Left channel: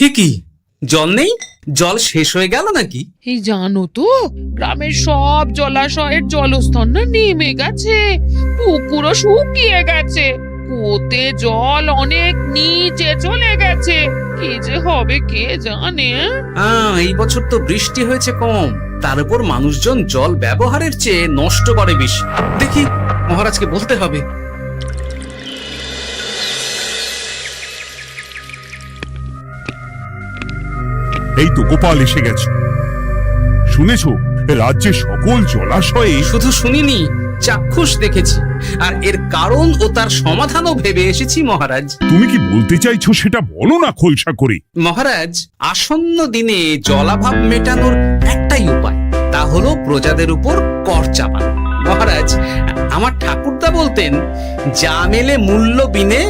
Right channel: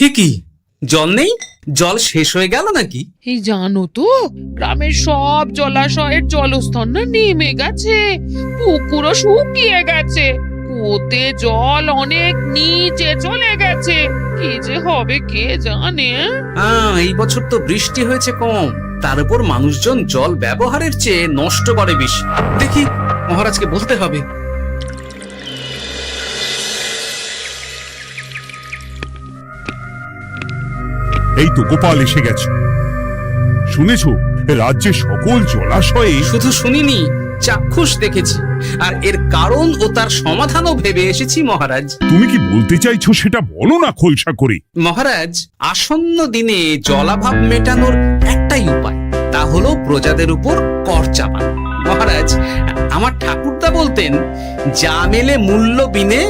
হে কি, জল নেই? জল শেষ হয়ে গেল নাকি? এই জানো তো, গ্রামের সব জলাশয়ের জলস্তর না নেমে গেছে, পুকুরও শুকিয়ে গেছে, কুয়োতে জল অনেক নিচে চলে গেছে। কি যে হবে কে জানে। এই বছর তো বৃষ্টি হয়েছে কম, তার উপর মানুষজন জল ব্যবহারের চেয়ে নষ্ট করে বেশি। দেখি, মহারাজকে বলতে হবে। এই তো গোপাল এসে গেছো। শুনেছো, রাজ্যে সকল জলাশয়ে শুধু শুনিনি, চাক্ষুষ দেখেছি, আর এর কারণ ও তার সমাধানও ভেবে এসেছি মহারাজ। তুমি কি বলতে চাইছো সেটা বলো না খোলসা করে। মহারাজ, আসন্ন দিনে জলাভাব মেটানোর একটাই উপায়, তা হলো প্রজাদের উপর কর চাপানো। মহারাজ, আমার ঠাকুরদা বলতেন, যা মেলে মূল্য বিনে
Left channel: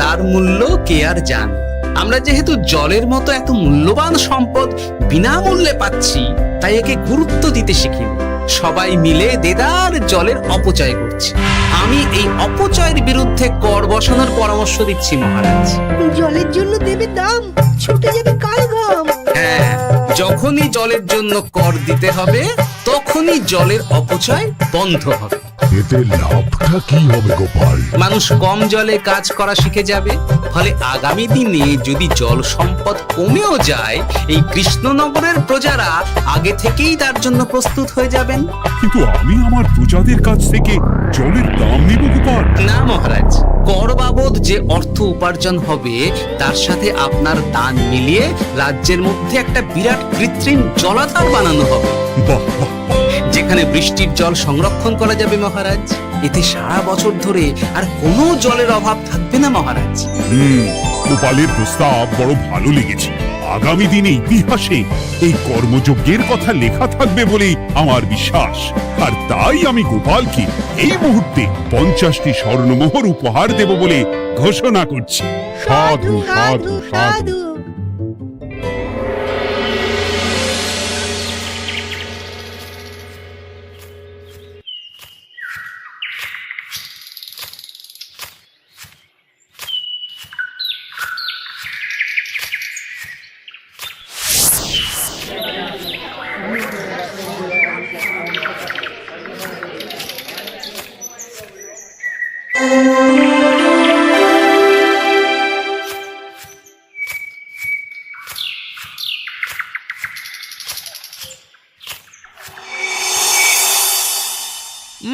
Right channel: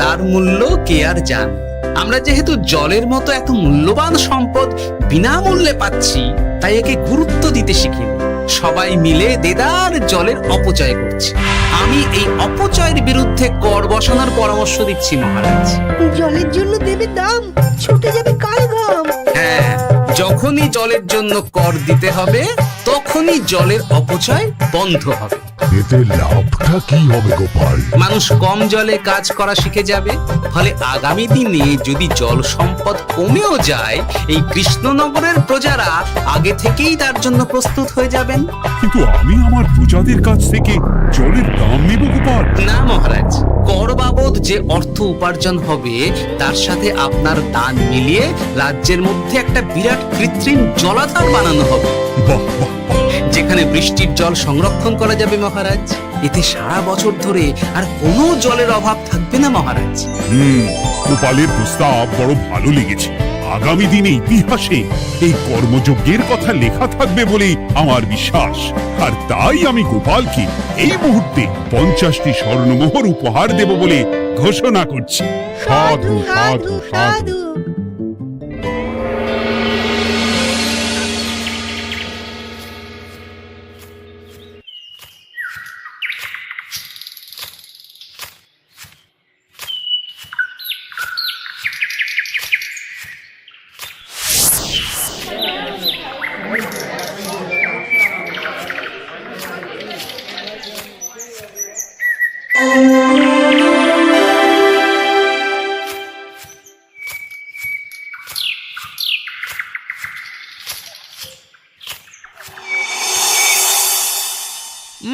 তার মূল্য কে আর জানে। আমরা যেহেতু জলের মতো এত মূল্যবান সম্পদ বিনামূল্যে পাচ্ছি, তাই একে গুরুত্ব দিতে শিখিনি। সবাই মিলে দেদার জলের অপচয় করছে। আমি এই অপচয়ের বিরুদ্ধে কর বসানোর পরামর্শ দিচ্ছি মহারাজ। জলের জন্য দেবে দাম, ছুটে যাবে কাল ঘাম। হ্যাঁ, যখনই জলের জন্য কর দিতে হবে, তখনই জলের অপচয় বন্ধ হবে। এতে লাভটা কি হবে গোপাল? মানুষ কম জলে কাজ করা শিখে যাবে, ফলে আগামী দিনে যদি জল সম্পদ কমেও যায়, এই কৃষ্ণনগরের প্রজারা আগে থেকেই তার জন্য প্রস্তুত হয়ে যাবেন। কিন্তু আমি আমার প্রজাদের কাছ থেকে জলের দাম নেব গোপাল? না মহারাজ, কর বাবদ যে অর্থ উপার্জন হবে, তার সাথে আপনার দান মিলিয়ে রাজ্যের মধ্যে একটা বিরাট কৃত্রিম জলাধার বানানো হবে। বাহ বাহ বাহ! যেখানে বৃষ্টির জল সংরক্ষণ করা যাবে মহারাজ। এতে সারা বছর ধরে আর কোনো জলের অভাব থাকবে না মহারাজ। গোপালের প্রস্তাব বড় ভালো লেগেছে। আগামী দিনে ইতিহাসে এই কর্মযজ্ঞের কথা লেখা থাকবে বলেই আমার বিশ্বাস। আর তাই আমি গোপালকে এই মুহূর্তে 50টি স্বর্ণমোহর উপহার দেব বলে ঘোষণা করছি। সাধু সাধু সাধু।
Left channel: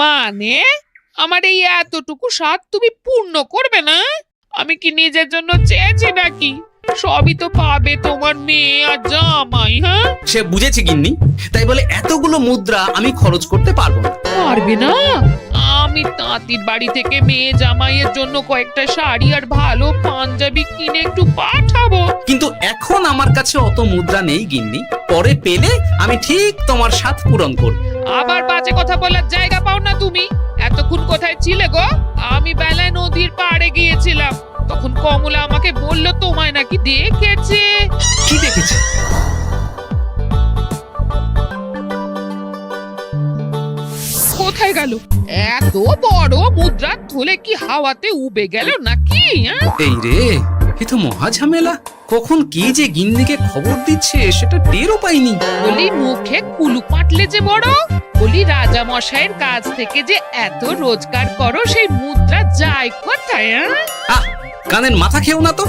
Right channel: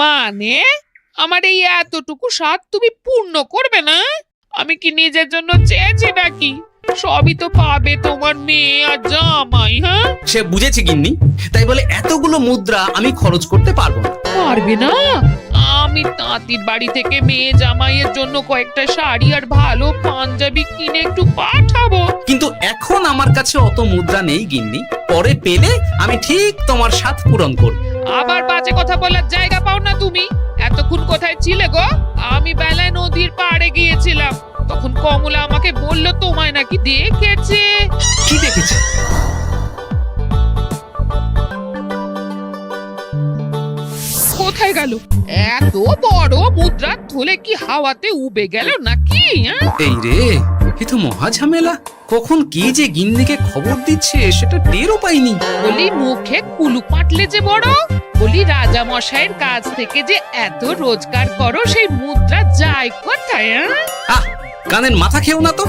মানে আমার এই এতটুকু স্বাদ তুমি পূর্ণ করবে না? আমি কি নিজের জন্য চেয়েছি নাকি? সবই তো পাবে তোমার মেয়ে আর জামাই। হ্যাঁ, সে বুঝেছে গিন্নি, তাই বলে এতগুলো মুদ্রা আমি খরচ করতে পারবো না। পারবে না? আমি তাঁতির বাড়ি থেকে মেয়ে জামাইয়ের জন্য কয়েকটা শাড়ি আর ভালো পাঞ্জাবি কিনে একটু পাঠাবো। কিন্তু এখন আমার কাছে অত মুদ্রা নেই গিন্নি, পরে পেলে আমি ঠিক তোমার স্বাদ পূরণ করব। আবার বাজে কথা বলার জায়গা পাও না তুমি। এতক্ষণ কোথায় ছিলে গো? আমি বেলায় নদীর পাড়ে গিয়েছিলাম, তখন কমলা আমাকে বলল তোমায় নাকি দেখেছে। কি দেখেছে? কোথায় গেল? এত বড় মুদ্রা থলে কি হাওয়াতে উবে গেল নাকি? এই রে, এ তো মহা ঝামেলা। কখন কে যে গিন্নিকে খবর দিচ্ছে সেটা টেরও পাইনি। বলি মুখে কুলু পাটলে যে বড়, বলি রাজা মশাইয়ের কাছ থেকে যে এত রোজগার করো, সেই মুদ্রা যায় কোথায়? আহ, কানের মাথা খেও না তো।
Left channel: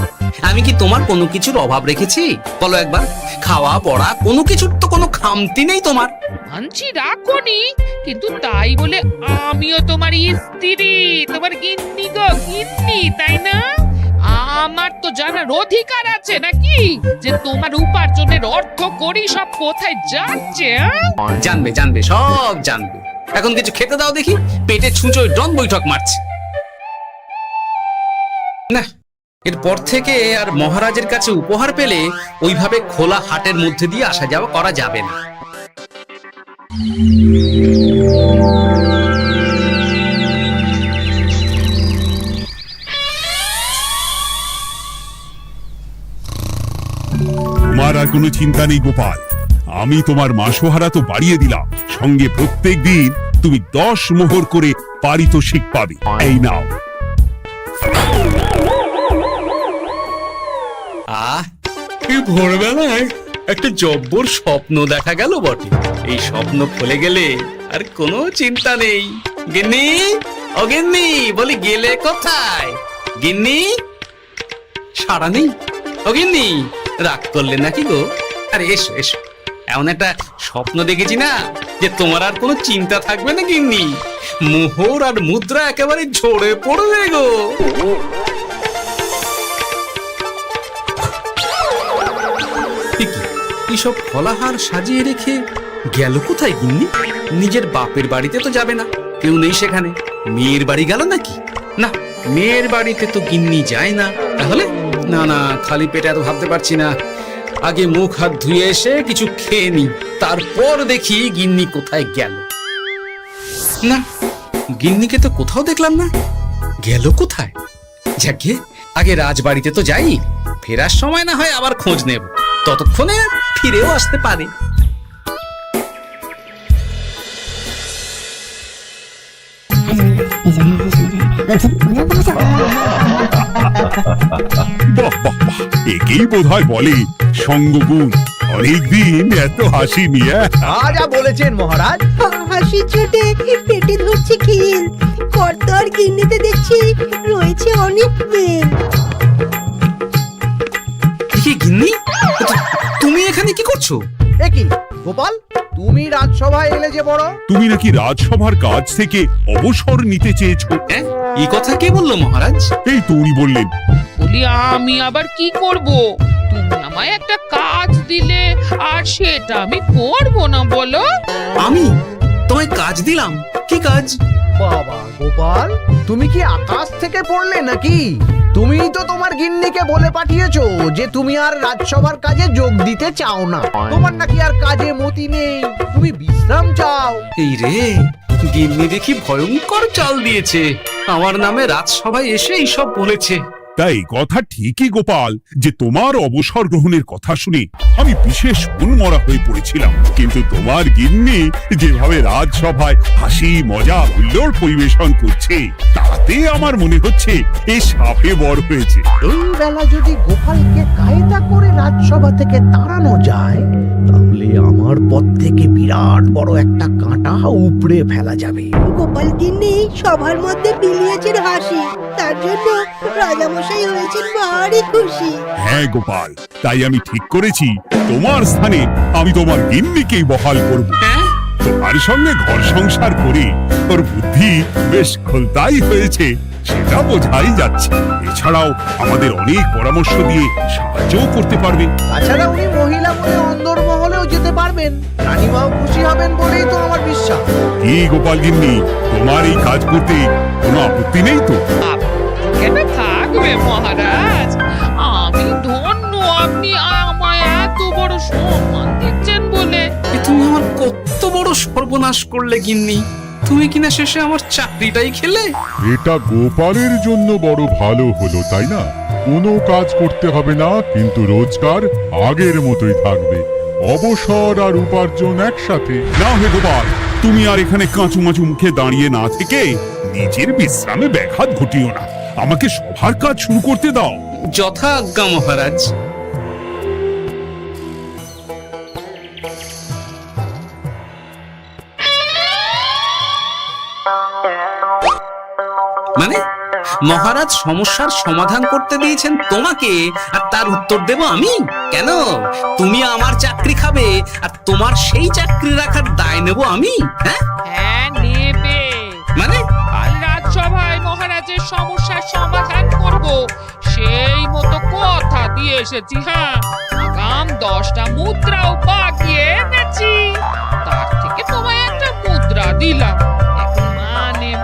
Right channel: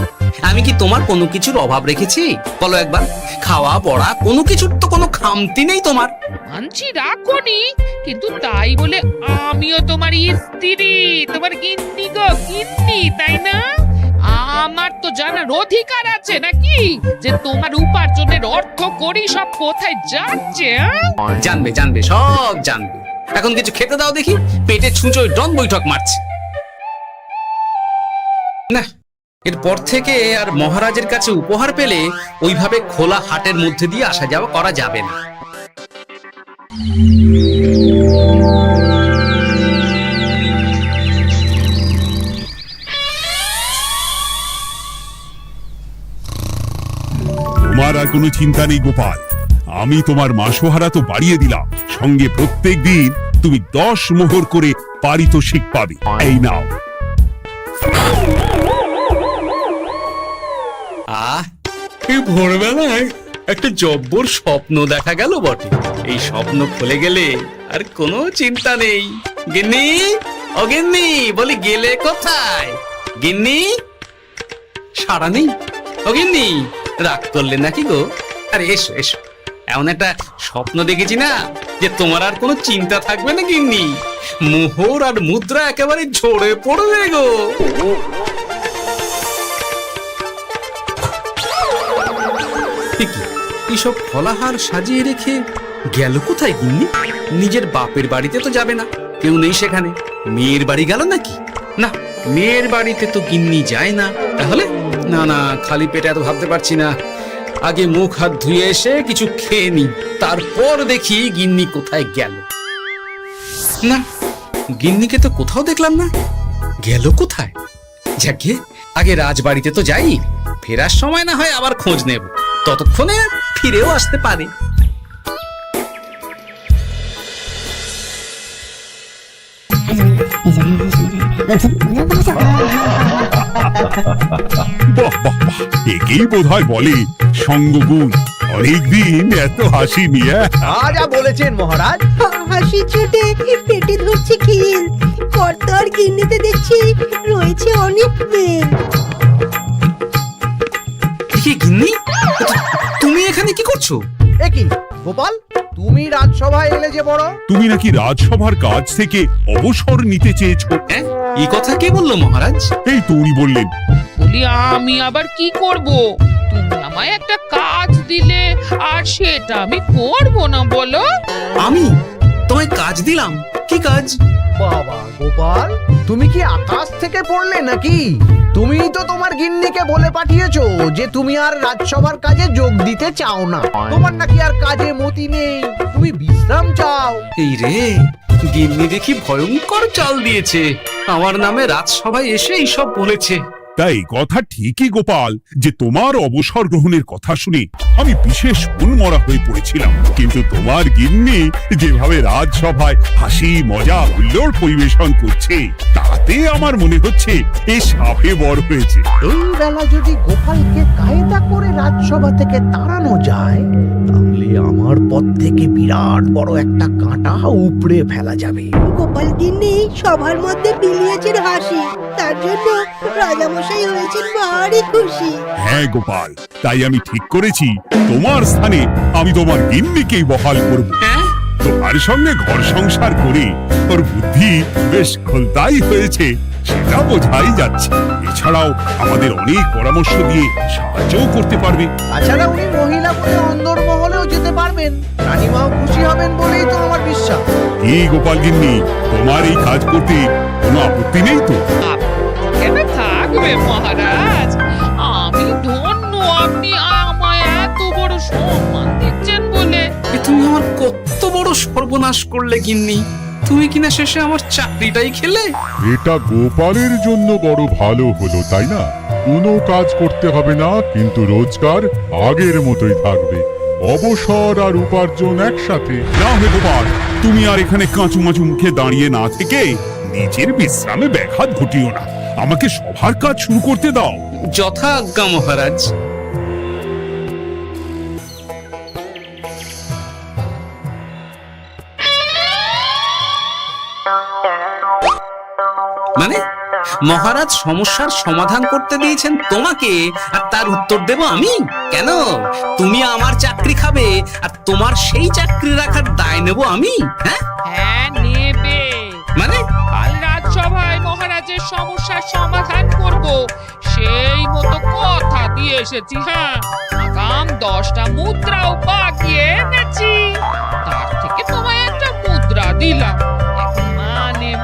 আমি কি তোমার কোনো কিছুর অভাব রেখেছি? বলো একবার। খাওয়া পড়া কোনো কিছুর তো কোনো খামতি নেই তোমার। মানছি রাখোনি, কিন্তু তাই বলে আমিও তোমার স্ত্রী, তোমার গিন্নি গো, গিন্নি, তাই না? আমার তো জানার অধিকার আছে নাকি যে তোমার উপার্জনের অর্থ করি সব কোথায় যাচ্ছে? জানবে জানবে, সব জানবে। এখন কিছু খেতে দাও দেখি, পেটে ছুঁচোয় ডন বৈঠক মারছে। না, এরপর থেকে আর মহারাজের কাছে উপহার পেলে ওইভাবে খোলা হাটের মধ্যে দিয়ে আসা যাওয়া করা যাবে না। তোমার আর কোনো চিন্তা নেই গোপাল। আমি তোমার মাসোহারা তো বাড়িয়ে দিলাম, সঙ্গে প্রত্যেক দিন তুমি 10 মোহর করে পারিতোষিক পাবে। এই নাও। আহ, এই ভোরবেলায় একটা জব্বর স্বপ্ন দেখা গেল বটে। এই স্বপ্ন খুলে গেলে আর কোনো চিন্তা নেই। গিন্নি, ও গিন্নি, বলি গেলে কোথায়? গিন্নি, সাড়া নেই। ও গিন্নি, রাগ করলে নাকি গো? আরে এসো এসো, এমন একটা স্বপ্ন দেখেছি না যে তোমার আর কোনো চিন্তা থাকবে না গিন্নি। মোহর আর মুদ্রা একেবারে ঝরে পড়বে গো। এইসব ফলাহার সাজিয়ে রেখে গেল কোথায় গিন্নি? নিজের বাপের বাড়িতে তো যাবে না, কেউ নেই সেখানে। মেয়ের বাড়ি গেল নাকি? না, মেয়ের বাড়িতে তো গিন্নি যায় না। তাহলে না না, খালি পেটে এত ভাবতে পারছি না। আগে মুখ হাত ধুয়ে এসে কিছু খেয়ে নি, তারপর দেখি গিন্নি কোথায় গেল। না, গিন্নিকে তো কোথাও দেখলাম না। গেল কোথায়? যাকে আগে রাজবাড়িতে তো যাই, ফেরার সময় না হয় আবার খোঁজ নেব, ততক্ষণে ফিরেও আসতে পারে। বাহ বাহ বাহ, একেই বোধহয় বলে সঙ্গগুণ। অনেকদিন এত হাসি নিয়ে। যা বলেছেন মহারাজ। হাসির চোটে পেটে ধরছে খিল। কর্তা আর গিন্নিতে দেখছি রয়েছে অনেক মেল। কি গিন্নি, তুমি এখানে কি করছো? একই গোপাল, তুমি রাজসভায় এলে যে বড়। তুমি নাকি রাজসভার কাজ থেকে অবসর নিতে চেয়েছো? হ্যাঁ, এই কথা কে বললো মহারাজ? এই তো উনি বললেন। বলি আমি আবার কি করব? তুমি আমায় একটা কাজ দিলে আর সেটা আমি করব না বলো? আমি তোমায় কাজ দিলাম? কি কাজ? বাবা গোপাল, তুমি কি আকাশ থেকে পড়লে নাকি? তুমি তো তোমার গিন্নিকে বলে পাঠিয়েছো যে তুমি আর রাজসভার কাজে যোগ দিতে চাও না। তোমার নাকি আর কাজে মতি নেই, তুমি বিশ্রাম চাও। এই রে, গিন্নি দেখি ভয়ঙ্কর চাল দিয়েছে। আমার নামে রাজসভায় এসে এইসব বলেছে। তাই কথা ঠিকই গোপাল, যে তোমার অবসর গ্রহণের কথা শুনে আমি বিশেষ মনমরা হয়ে পড়েছিলাম। কিন্তু তোমার গিন্নি যেভাবে রাজসভায় হাসি মজা হুল্লোড় পরিবেশন করছে, তাতে আমার মনে হচ্ছে এ সাপে বর হয়েছে। এই বেলা যদি গোপালকে কায়দা করে রাজসভা থেকে তাড়ানো যায়, তাহলে আমার পথ থেকে বিরাট বড় একটা কাঁটা উপড়ে ফেলা যাবে। গোপাল গিন্নি সবার মধ্যে বিলিয়েছেন হাসি, তার জন্য রাজামশাই হয়েছেন ভারী খুশি। হ্যাঁ গোপাল, তাই আমি ঠিক করেছি তোমার স্থানে আমি তোমার গিন্নিকেই বহাল করব। হ্যাঁ, তোমার সঙ্গে ঘর সংসার করে ওর বুদ্ধি বেশ খোলতাই হয়েছে, সেটা বোঝাই যাচ্ছে। এছাড়াও আমাদের অনেক পরামর্শ দিয়ে সাহায্যও করতে পারবে। তাছাড়া উনি মহিলা বলে অন্দরমহলেও যেতে পারবেন। রানীমাও খুশি হবেন বলেই তো আমার বিশ্বাস। কি গোপাল গিন্নি, তোমার এই কাজ করতে কোনো আপত্তি নেই তো? আপত্তি কেন থাকবে মহারাজ? আমি ধন্য আপনি আমায় এত বড় সম্মান দিচ্ছেন বলে। এ তুমি আমার কত বড় সর্বনাশ করলে গিন্নি। তুমি কিনা শেষে আমার চাকরিটাই খেলে। এটা গোপালের জন্য বড় ভালো হলো, তাই না? কোনো কাজ করতে হবে না, কিন্তু রোজগার আগের মতোই থাকবে। অবসর আর উপার্জন একসাথে। না হে গোপাল, তুমি আর এখানে কাঁচু মাচু মুখে দাঁড়িয়ে না থেকে নিজের বিশ্রামে ব্যাঘাত ঘটিও না। আমাকে সবার কাজ শুরু করতে দাও। যথা আজ্ঞা মহারাজ। মানে মহারাজ সমস্যার সমাধান করতে দিয়েছেন তোমাকে, আর তার উত্তর দেব আমি? কেন? তুমি আমার চাকরি খাবে আর তোমার সেই চাকরি রাখার দায় নেব আমি? হ্যাঁ হ্যাঁ, নেবে। মানে কাল রাজসভায় মহারাজের সমস্যার সমাধান করব, সেই মতো কথা দিয়ে এসেছি। হ্যাঁ, আগাম 10টা মুদ্রাও বাগিয়ে এনেছি। তার থেকে তোমায় একটা মুদ্রা দিলাম। এখন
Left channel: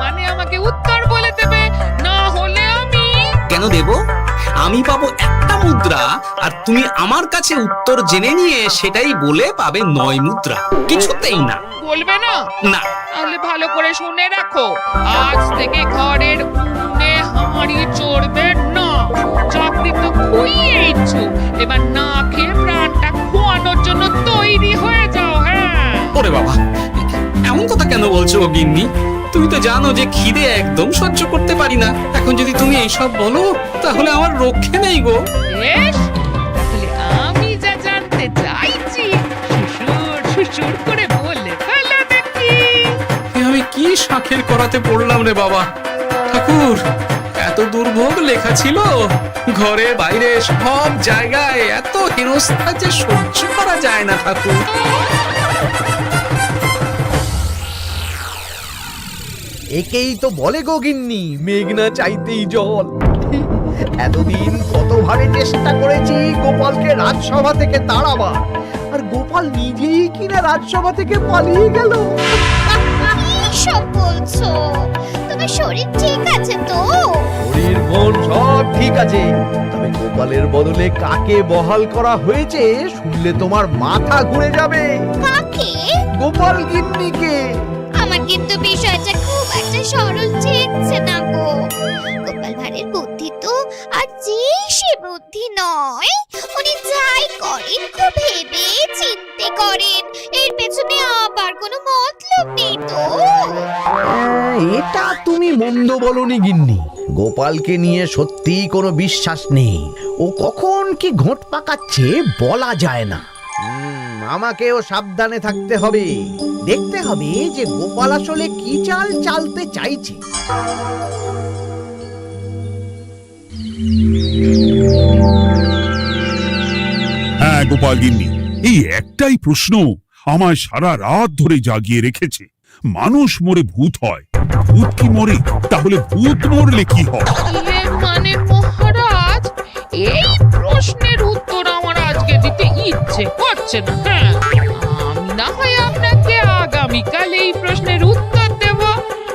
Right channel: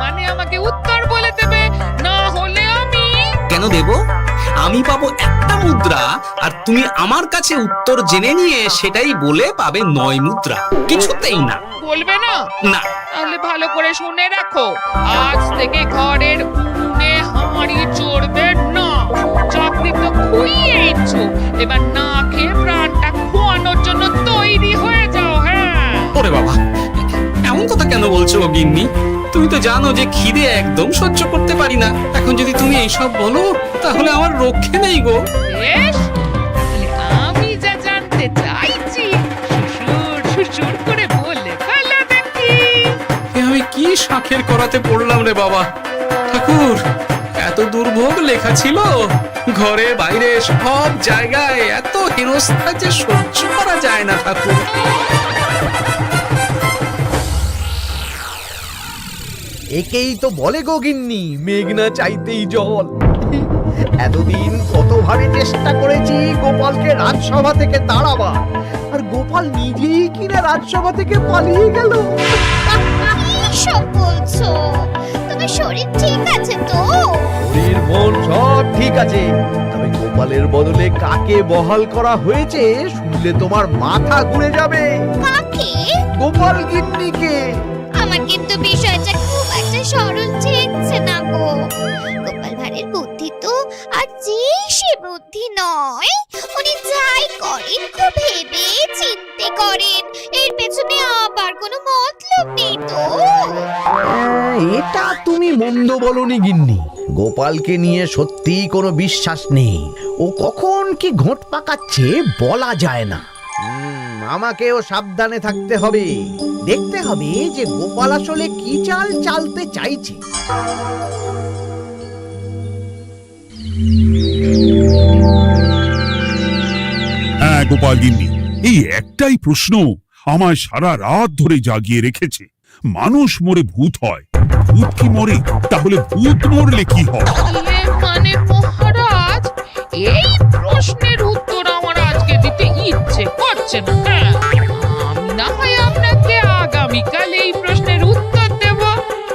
মানে আমাকে উত্তর বলে দেবে, না হলে আমি। কেন দেব? আমি পাবো একটা মুদ্রা, আর তুমি আমার কাছে উত্তর জেনে নিয়ে সেটাই বলে পাবে 9 মুদ্রা। কিছুতেই না। বলবে না? না। তাহলে ভালো করে শুনে রাখো, আজ থেকে ঘরের উনুনে হাঁড়ি চড়বে না। চাকরি তো খুইয়েইছো, এবার না খেয়ে প্রাণটা খোয়ানোর জন্য তৈরি হয়ে যাও। হ্যাঁ। ওরে বাবা, এমন কথা কেন বলছো গো গিন্নি? তুমি তো জানো যে খিদে একদম সহ্য করতে পারি না। এখন যদি তুমি এইসব বলো, তাহলে আমার রক্ষে নেই গো। বেশ, তাহলে আমি বলতে চাইছি, শ্বশুর শ্বশুর করে বলে ফেলো দেখি। এ আমি কি শাঁখের করাতে পড়লাম রে বাবা! ঠাকুর, এত দুর্ভোগ লেখা ছিল, ঘরে বাইরে সব জায়গায় এত হেনস্থা যে সহ্য করা যায় না ঠাকুর। একেই তো বলে গো গিন্নি, মেঘ না চাইতেই জল। এতদিন কতভাবে চেষ্টা করেছি গোপালকে রাজসভা থেকে তাড়াবার, আর গোপাল নিজেই কিনা রাজসভা থেকে পালিয়ে গেল। সব বলছো? তোমার শরীর ঠিক আছে তো? শরীর মন সব ঠিক আছে, তবে গোপালের বদলে কাকে বহাল করা হয়েছে শুনলে তোমার মাথা ঘুরে যাবে। কাকে? গোপাল গিন্নিকে। আমার কিন্তু বিষয়টা খুব একটা সরল ঠেকছে না গো। গোপাল ভাঁড়ের বুদ্ধি তো আর যে সে বুদ্ধি নয়। উনি যাই করেন খুব ভেবে চিন্তে করেন, এর পেছনে আবার কোনো মতলব নেই তো। এটা তুমি মন্দ বলনি গিন্নি, গোপালকে নিয়ে সত্যিই কোনো বিশ্বাস নেই। ও কখন কি ঘোট পাকাচ্ছে বলা যায় না। আমাকেও সাবধানে থাকতে হবে, দেখতে হবে যে গোপাল আসলে কি চাল চালতে চাইছে। হ্যাঁ গোপাল গিন্নি, এই একটাই প্রশ্ন আমায় সারা রাত ধরে জাগিয়ে রেখেছে। মানুষ মরে ভূত হয়, ভূত কি মরে? তাহলে ভূত মরলে কি হয়? মানে মহারাজ, এই প্রশ্নের উত্তর আমার আজকে দিতে ইচ্ছে করছে না। হ্যাঁ, আমি না হয় আপনাকে আগামীকাল এই প্রশ্নের উত্তর দেব,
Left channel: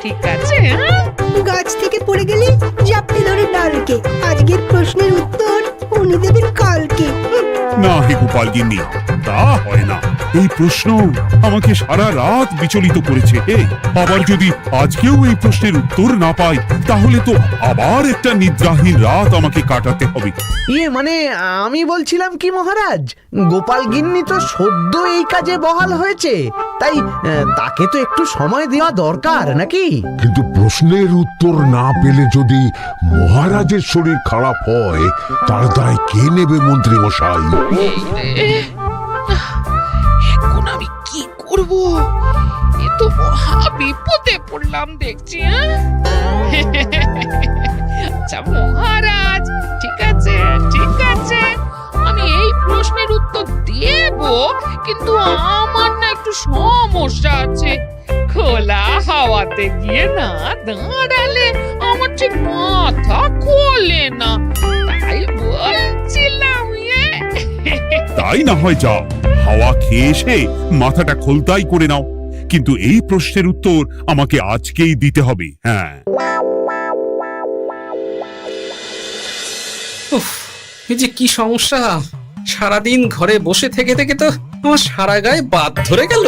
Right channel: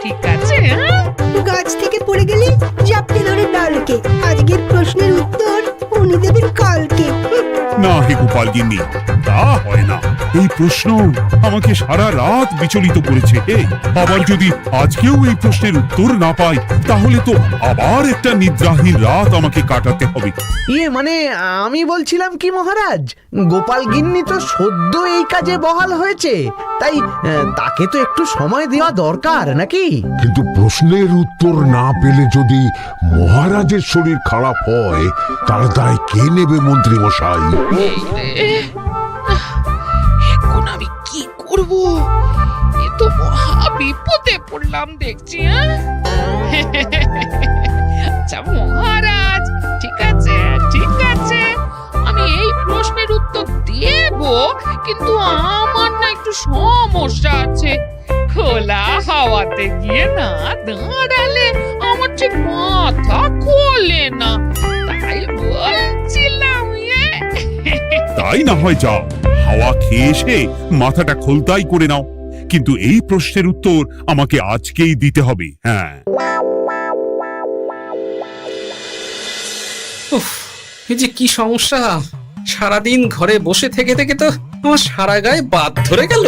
ঠিক আছে? হ্যাঁ, গাছ থেকে পড়ে গেলে জাপটে ধরে ডালকে। আজকের প্রশ্নের উত্তর উনি দেবেন কালকে। না হে গোপাল গিন্নি, তা হয় না। এই প্রশ্ন আমাকে সারা রাত বিচলিত করেছে। আবার যদি আজকেও এই প্রশ্নের উত্তর না পাই, তাহলে তো আবার একটা নিদ্রাহীন রাত আমাকে কাটাতে হবে। মানে আমি বলছিলাম কি মহারাজ, গোপাল গিন্নি তো সদ্য এই কাজে বহাল হয়েছে, তাই তাকে তো একটু সময় দেওয়া দরকার নাকি? কিন্তু প্রশ্নের উত্তর না পেলে যদি মহারাজের শরীর খারাপ হয়, তার দায় কে নেবে মন্ত্রী মশাই? এই রে, এখন আমি কি করব? এ তো মহা বিপদে পড়লাম দেখছি। আচ্ছা মহারাজ, ঠিক আছে ঠিক আছে, আমি এই প্রশ্নের উত্তর দেব, কিন্তু আমার না একটু সমস্যা আছে। খোলা হাওয়াতে গিয়ে না দাঁড়ালে আমার ঠিক মাথা খোলে না, তাই বলছিলাম। তাই না হয় যাও, হাওয়া খেয়ে এসে মাথাটা খোলতাই করে নাও, কিন্তু এই প্রশ্নের উত্তর আমাকে আজকেই দিতে হবে। হ্যাঁ, উফ, এই যে কি সমস্যা! সারাদিন ঘরে বসে থেকে থেকে তো আমার সারা গায়ে বাদ ধরে গেল।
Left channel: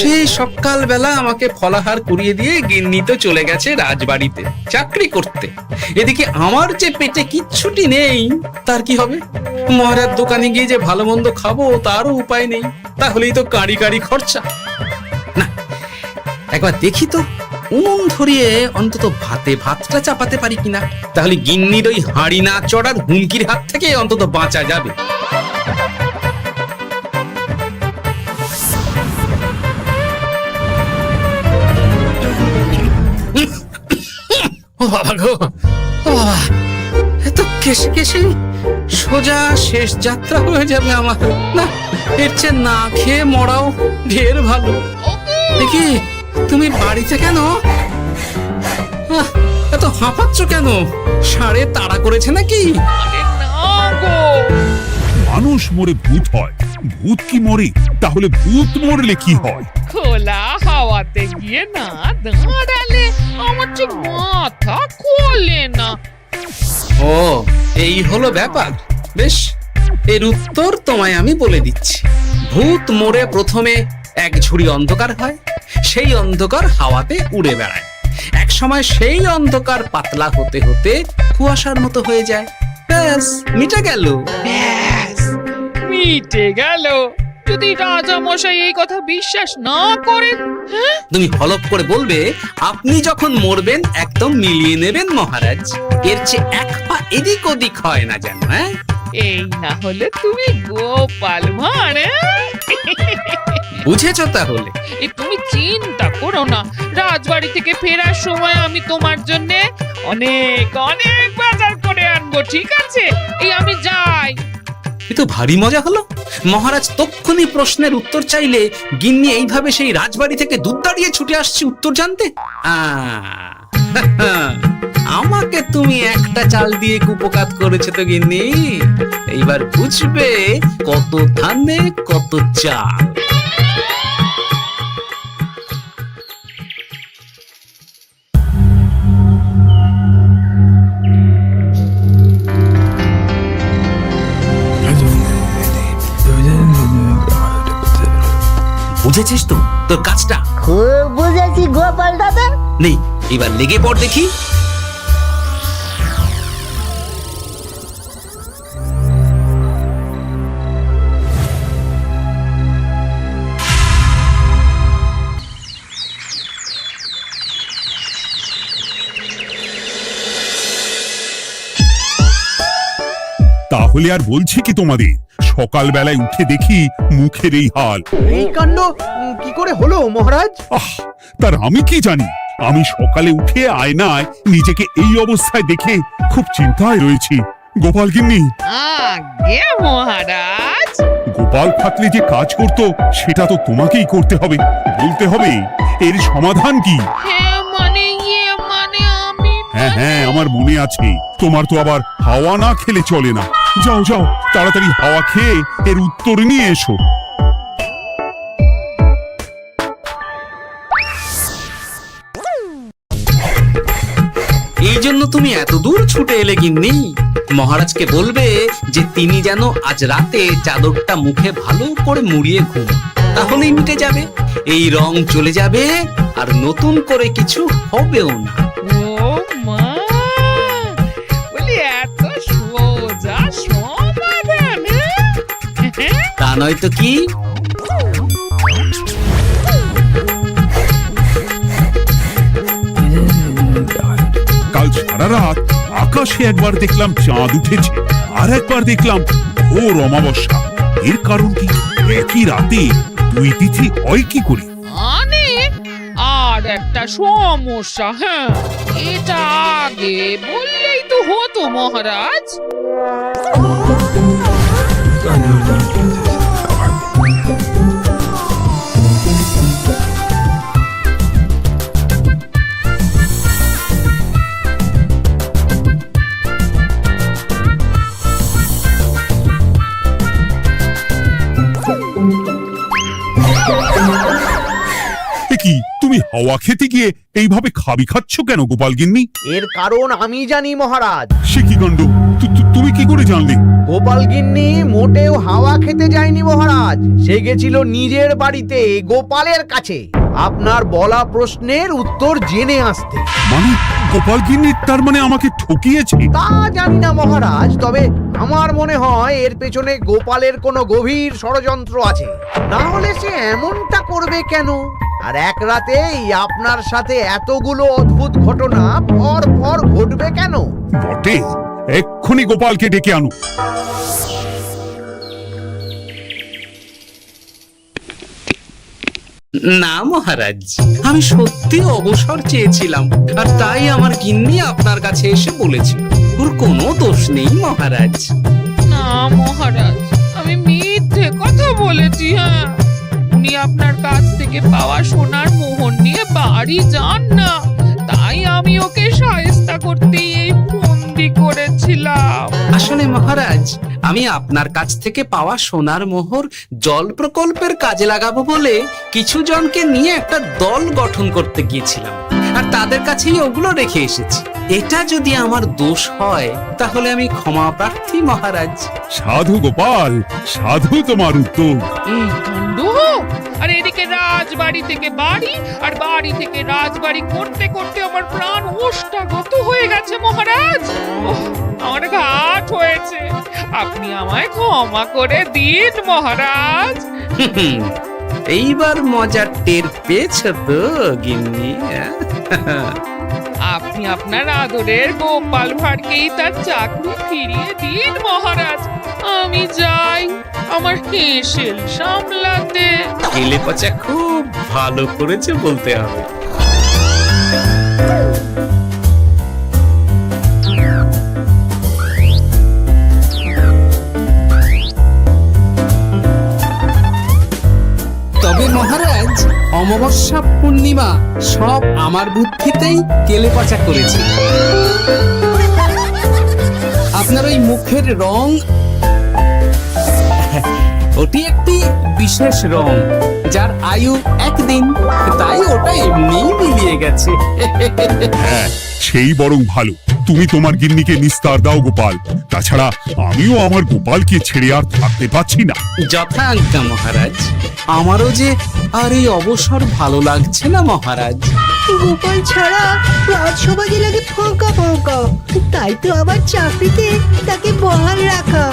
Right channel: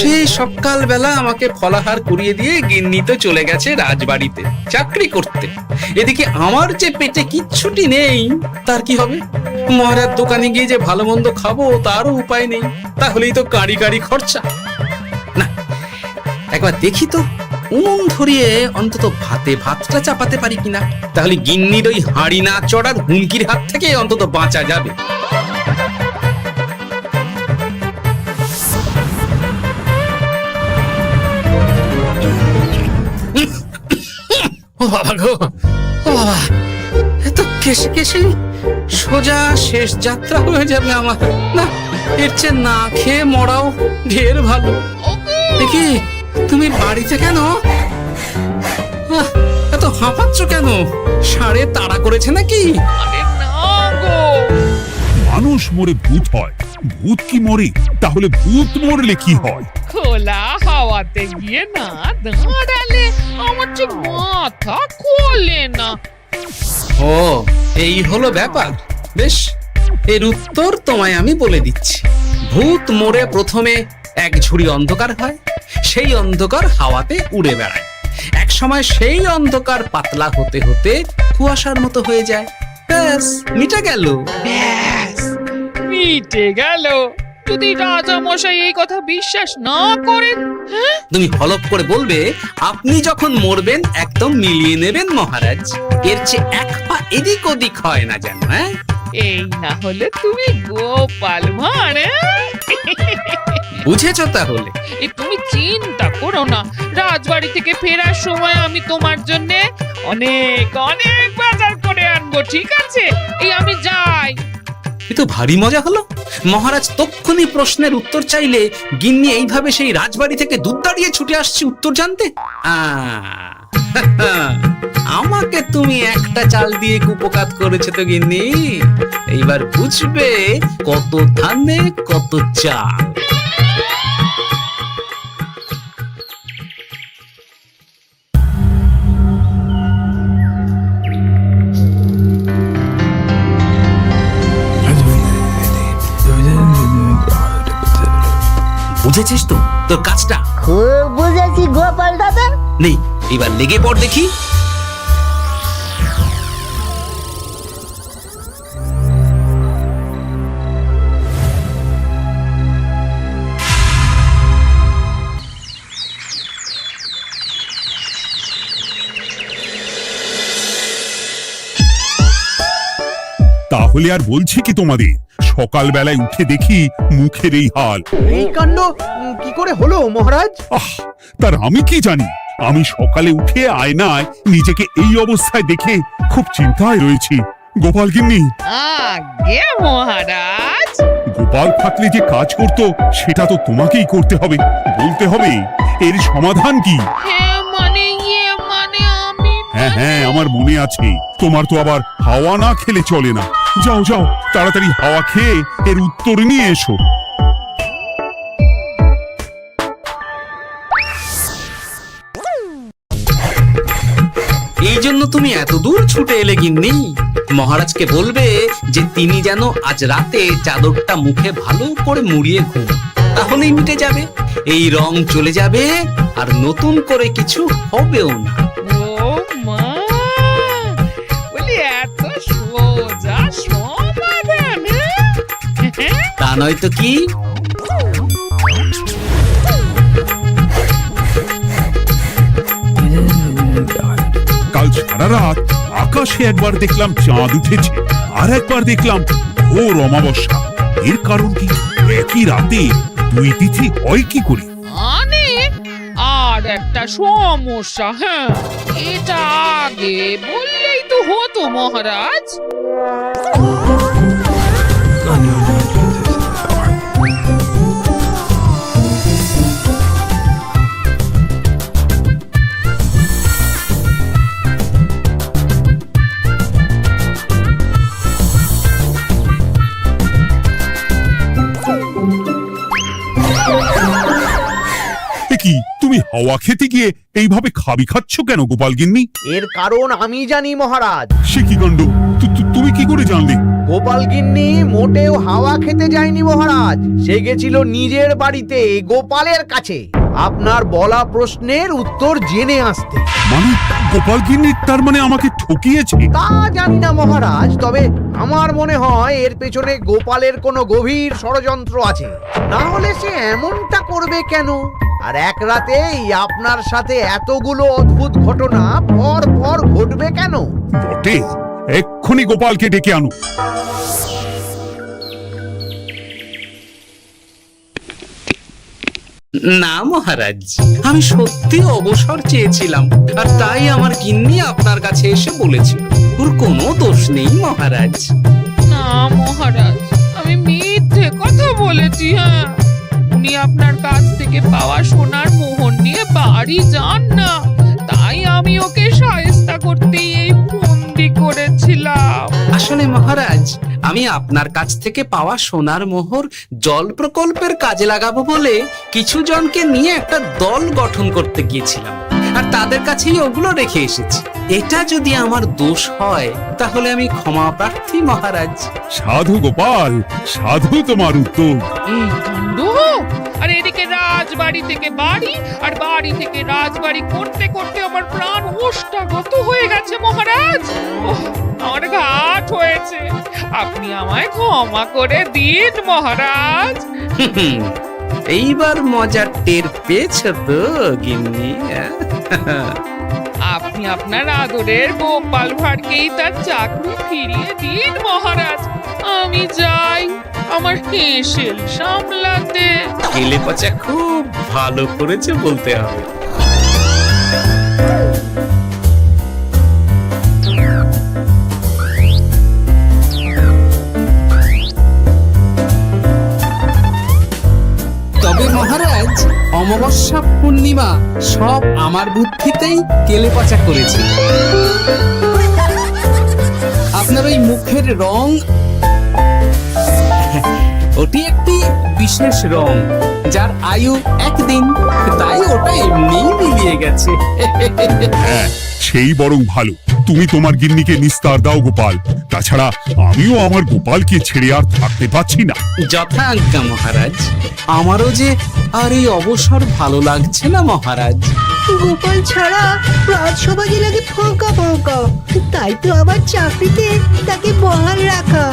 সেই সকাল বেলা আমাকে ফলাহার করিয়ে দিয়ে গিন্নি তো চলে গেছে রাজবাড়িতে চাকরি করতে। এদিকে আমার যে পেটে কিচ্ছুটি নেই, তার কি হবে? মহারাজ দোকানে গিয়ে যে ভালো মন্দ খাবো তারও উপায় নেই, তাহলেই তো কাঁড়ি কাঁড়ি খরচা। না, একবার দেখি তো উনুন ধরিয়ে অন্তত ভাতটা চাপাতে পারি কিনা, তাহলে গিন্নির ওই হাঁড়ি না চড়ার হুমকির হাত থেকে অন্তত বাঁচা যাবে। ও বাবা গো, ও বাবা, এত কেসে কেসে সোজা শেষ যাত্রা হয়ে যাবে আমার। না, এর চেয়ে না খেয়ে মরাও ঢের ভালো। দেখি তুমি বাড়িতে কেন? এত হাঁপাচ্ছ কেন? ষাঁড়ে তাড়া করেছে নাকি? আরে না গো, মানুষ মরে ভূত হয়, ভূত কি মরে? তাহলে ভূত মরলে কি হয়? খোলা হাওয়াতে গিয়ে না দাঁড়ালে আমার ঠিক মাথা খোলে না। ও, এই হলো ব্যাপার। বেশ, এর উত্তর তোমায় আমি বলে দিচ্ছি। ভূত মরে প্রথমে এক ঝুড়ি অন্ধকার হয়, সেই অন্ধকার হাওয়াতে উড়ে বেড়ায়। এক সময় সেই অন্ধকার পাতলা হতে হতে কুয়াশার মতো হয়ে যায়। ব্যাস, মিটে গেল। ব্যাস, মিটে গেল। যদি রাজা মশাই এই কথা বিশ্বাস না করেন, হ্যাঁ, তুমি হলপ করে বলবে আপনি যখন মরবেন একদম মিলিয়ে নেবেন মহারাজ। এর চেয়ে এক পা এদিক ওদিক হয় না যেন। হ্যাঁ, এই না হলে তুমি গোপাল ভাঁড়, বুঝেছো তাহলে? এই তুমি চিন্তা করো না, রাজবাড়ি থেকে ফেরার সময় আমি তোমার জন্য অনেক অনেক বাজার করে আনবো, ঠিক আছে? এই আমি যাই। এ তো ভারী মজা হলো। মহারাজ তক্ষুনি প্রশ্নের উত্তর চাইলে গিন্নি এইভাবে সেই রাজবাড়ি থেকে দুধ দাঁড়িয়ে ছুটে আসছে উত্তর জানতে। আমাকে তুমি একটা চাল দিয়ে কুপকাত করেছো তো গিন্নি। এইবার বুঝবে কত ধানে কত চাল। বুঝেছিস তো তোর কাজটা? খুব বুঝেছি গোপাল দাদা। নেই, এবার লেগে পড় দেখি। তাহলে আর বলছি কি তোমাদের, সকালবেলায় উঠে দেখি মুখের এই হাল। এই কাণ্ড কি করে হলো মহারাজ? আহ, তার আমি কি জানি। আমি সকালে উঠে আয়নায় নিজেকে এই অবস্থায় দেখে খুব চিন্তায় রয়েছি। গোপাল গিন্নি, আগে মহারাজ, গোপাল থাকলে যে কাজ করত সেটা তো তোমাকেই করতে হবে, বলতে হবে এর সমাধান কি। হ্যাঁ মানে আমি হ্যাঁ হ্যাঁ, আমার মনে আছে। তোমার তো আবার হাওয়া না খেলে চলে না। যাও যাও, তাড়াতাড়ি হাওয়া খেয়ে এর উত্তর নিয়ে এসো। এই জন্য তুমি এত দূর ছুটে এলে গিন্নি? মহারাজকে বলবে যে তিনি যেন আজ রাতে চাদরটা মুখে ভালো করে মুড়িয়ে ঘুম, তাহলেই মিটে যাবে। এই রং চলে যাবে আর নতুন করে কিছু হবেও না। ও মা, বলি এত সোজা সমাধান? তা নয় তো কি? কাল সারা রাত আকাশে একবার দেখলাম চাঁদ উঠেছে, আর একবার দেখলাম ঘোর অমাবস্যা। এর কারণ কি? একই রাতে দুই তিথি হয় কি করে? মানে আর একটা সমস্যা, হ্যাঁ, এটা আগে বললেই তো হতো মহারাজ। এ কি, তুমি হাওয়া খেতে গিয়ে এইভাবে খাবি খাচ্ছ কেন গোপাল গিন্নি? এর কারণ আমি জানি মহারাজ। সে কি কাণ্ড! তুমি কি করে জানলে? গোপাল গিন্নি মোটেও হাওয়া খেতে যায়নি মহারাজ, সে গেছিল নিজের বাড়িতে গোপালের কাছে আপনার বলা প্রশ্নের উত্তর জেনে আসতে। মানে গোপাল গিন্নি তার মানে আমাকে ঠকিয়েছে? তা জানি না মহারাজ, তবে আমার মনে হয় এর পেছনে গোপালের কোনো গভীর ষড়যন্ত্র আছে, না হলে সে এমনটা করবে কেন? আর এক রাতেই আপনার সাথে এতগুলো অদ্ভুত ঘটনা পর পর ঘটবে কেন? বটে, এক্ষুনি গোপালকে ডেকে আনো। না মহারাজ, আমি সত্যি অবসর চেয়েছিলাম, আর তাই আমার গিন্নি আপনার কাছে এসে বলেছিল। ওর কোনো দোষ নেই মহারাজ। না মহারাজ, আমি মিথ্যে কথা বলেছি। হ্যাঁ, উনি আপনার কাছ থেকে পাওয়া সোনার মোহর নিয়ে বাড়ি যান না, তাই আমি ওকে শায়েস্তা করতেই এই ফন্দি করেছিলাম। আসলে মহারাজ, আমি আপনার কাছ থেকে পাওয়া সোনার মোহর জল প্রকল্পের কাজে লাগাবো বলে কিছু জনকে নিয়ে একটা দল গঠন করতে গিয়েছিলাম, আর তাদের কাছেই ওগুলো রেখে এসেছি। এটা যদি আমার দোষ হয় তাহলে আমি ক্ষমা প্রার্থী মহারাজ। সাধু গোপাল, সাধু তোমার উত্তর। এই কাণ্ড! আর এদিকে রাজবাড়ি থেকে বাড়ি, আর বাড়ি থেকে রাজবাড়ি করতে করতে আমার প্রাণ ওষ্ঠাগত হয়ে গেছে মহারাজ। ওহ, আমার ঘাট হয়েছে, আপনি আমায় ক্ষমা করে দিন মহারাজ। এইবার মজার টের পেয়েছ তো গিন্নি? আপনি আপনি আপনার আদরের গোপাল ভাঁড়কেই তার চাকরি ফিরিয়ে দিন মহারাজ। আমি যাই আমার হেসেল সামলাতে। কেলে পচা খুব ভালো করেছে বলতে হবে। তবে মহারাজ, অমাবস্যা পূর্ণিমা সব আমার বুদ্ধিতেই কেলেপচা করেছিল। আপনার ওই মুখের রং, ওটি একটি বিশেষ রং যার আয়ু একদিন, তাই ওটা এমনিই মিলিয়ে গেছে। হ্যাঁ, সেই বরং ভালো। তুমি তোমার গিন্নিকে নিস্তার দাও গোপাল। তাছাড়া আমিও আমার গোপালকে ছেড়ে আর থাকতে পারছি না। যথা আজ্ঞা মহারাজ। আমারও যে আর এই অবসর ভালো লাগছে না মহারাজ। গোপাল ছাড়া রাজসভা যে লাগে ফাঁকা ফাঁকা, তাই তো আবার চাকরিতে তাকে বহাল রাখা।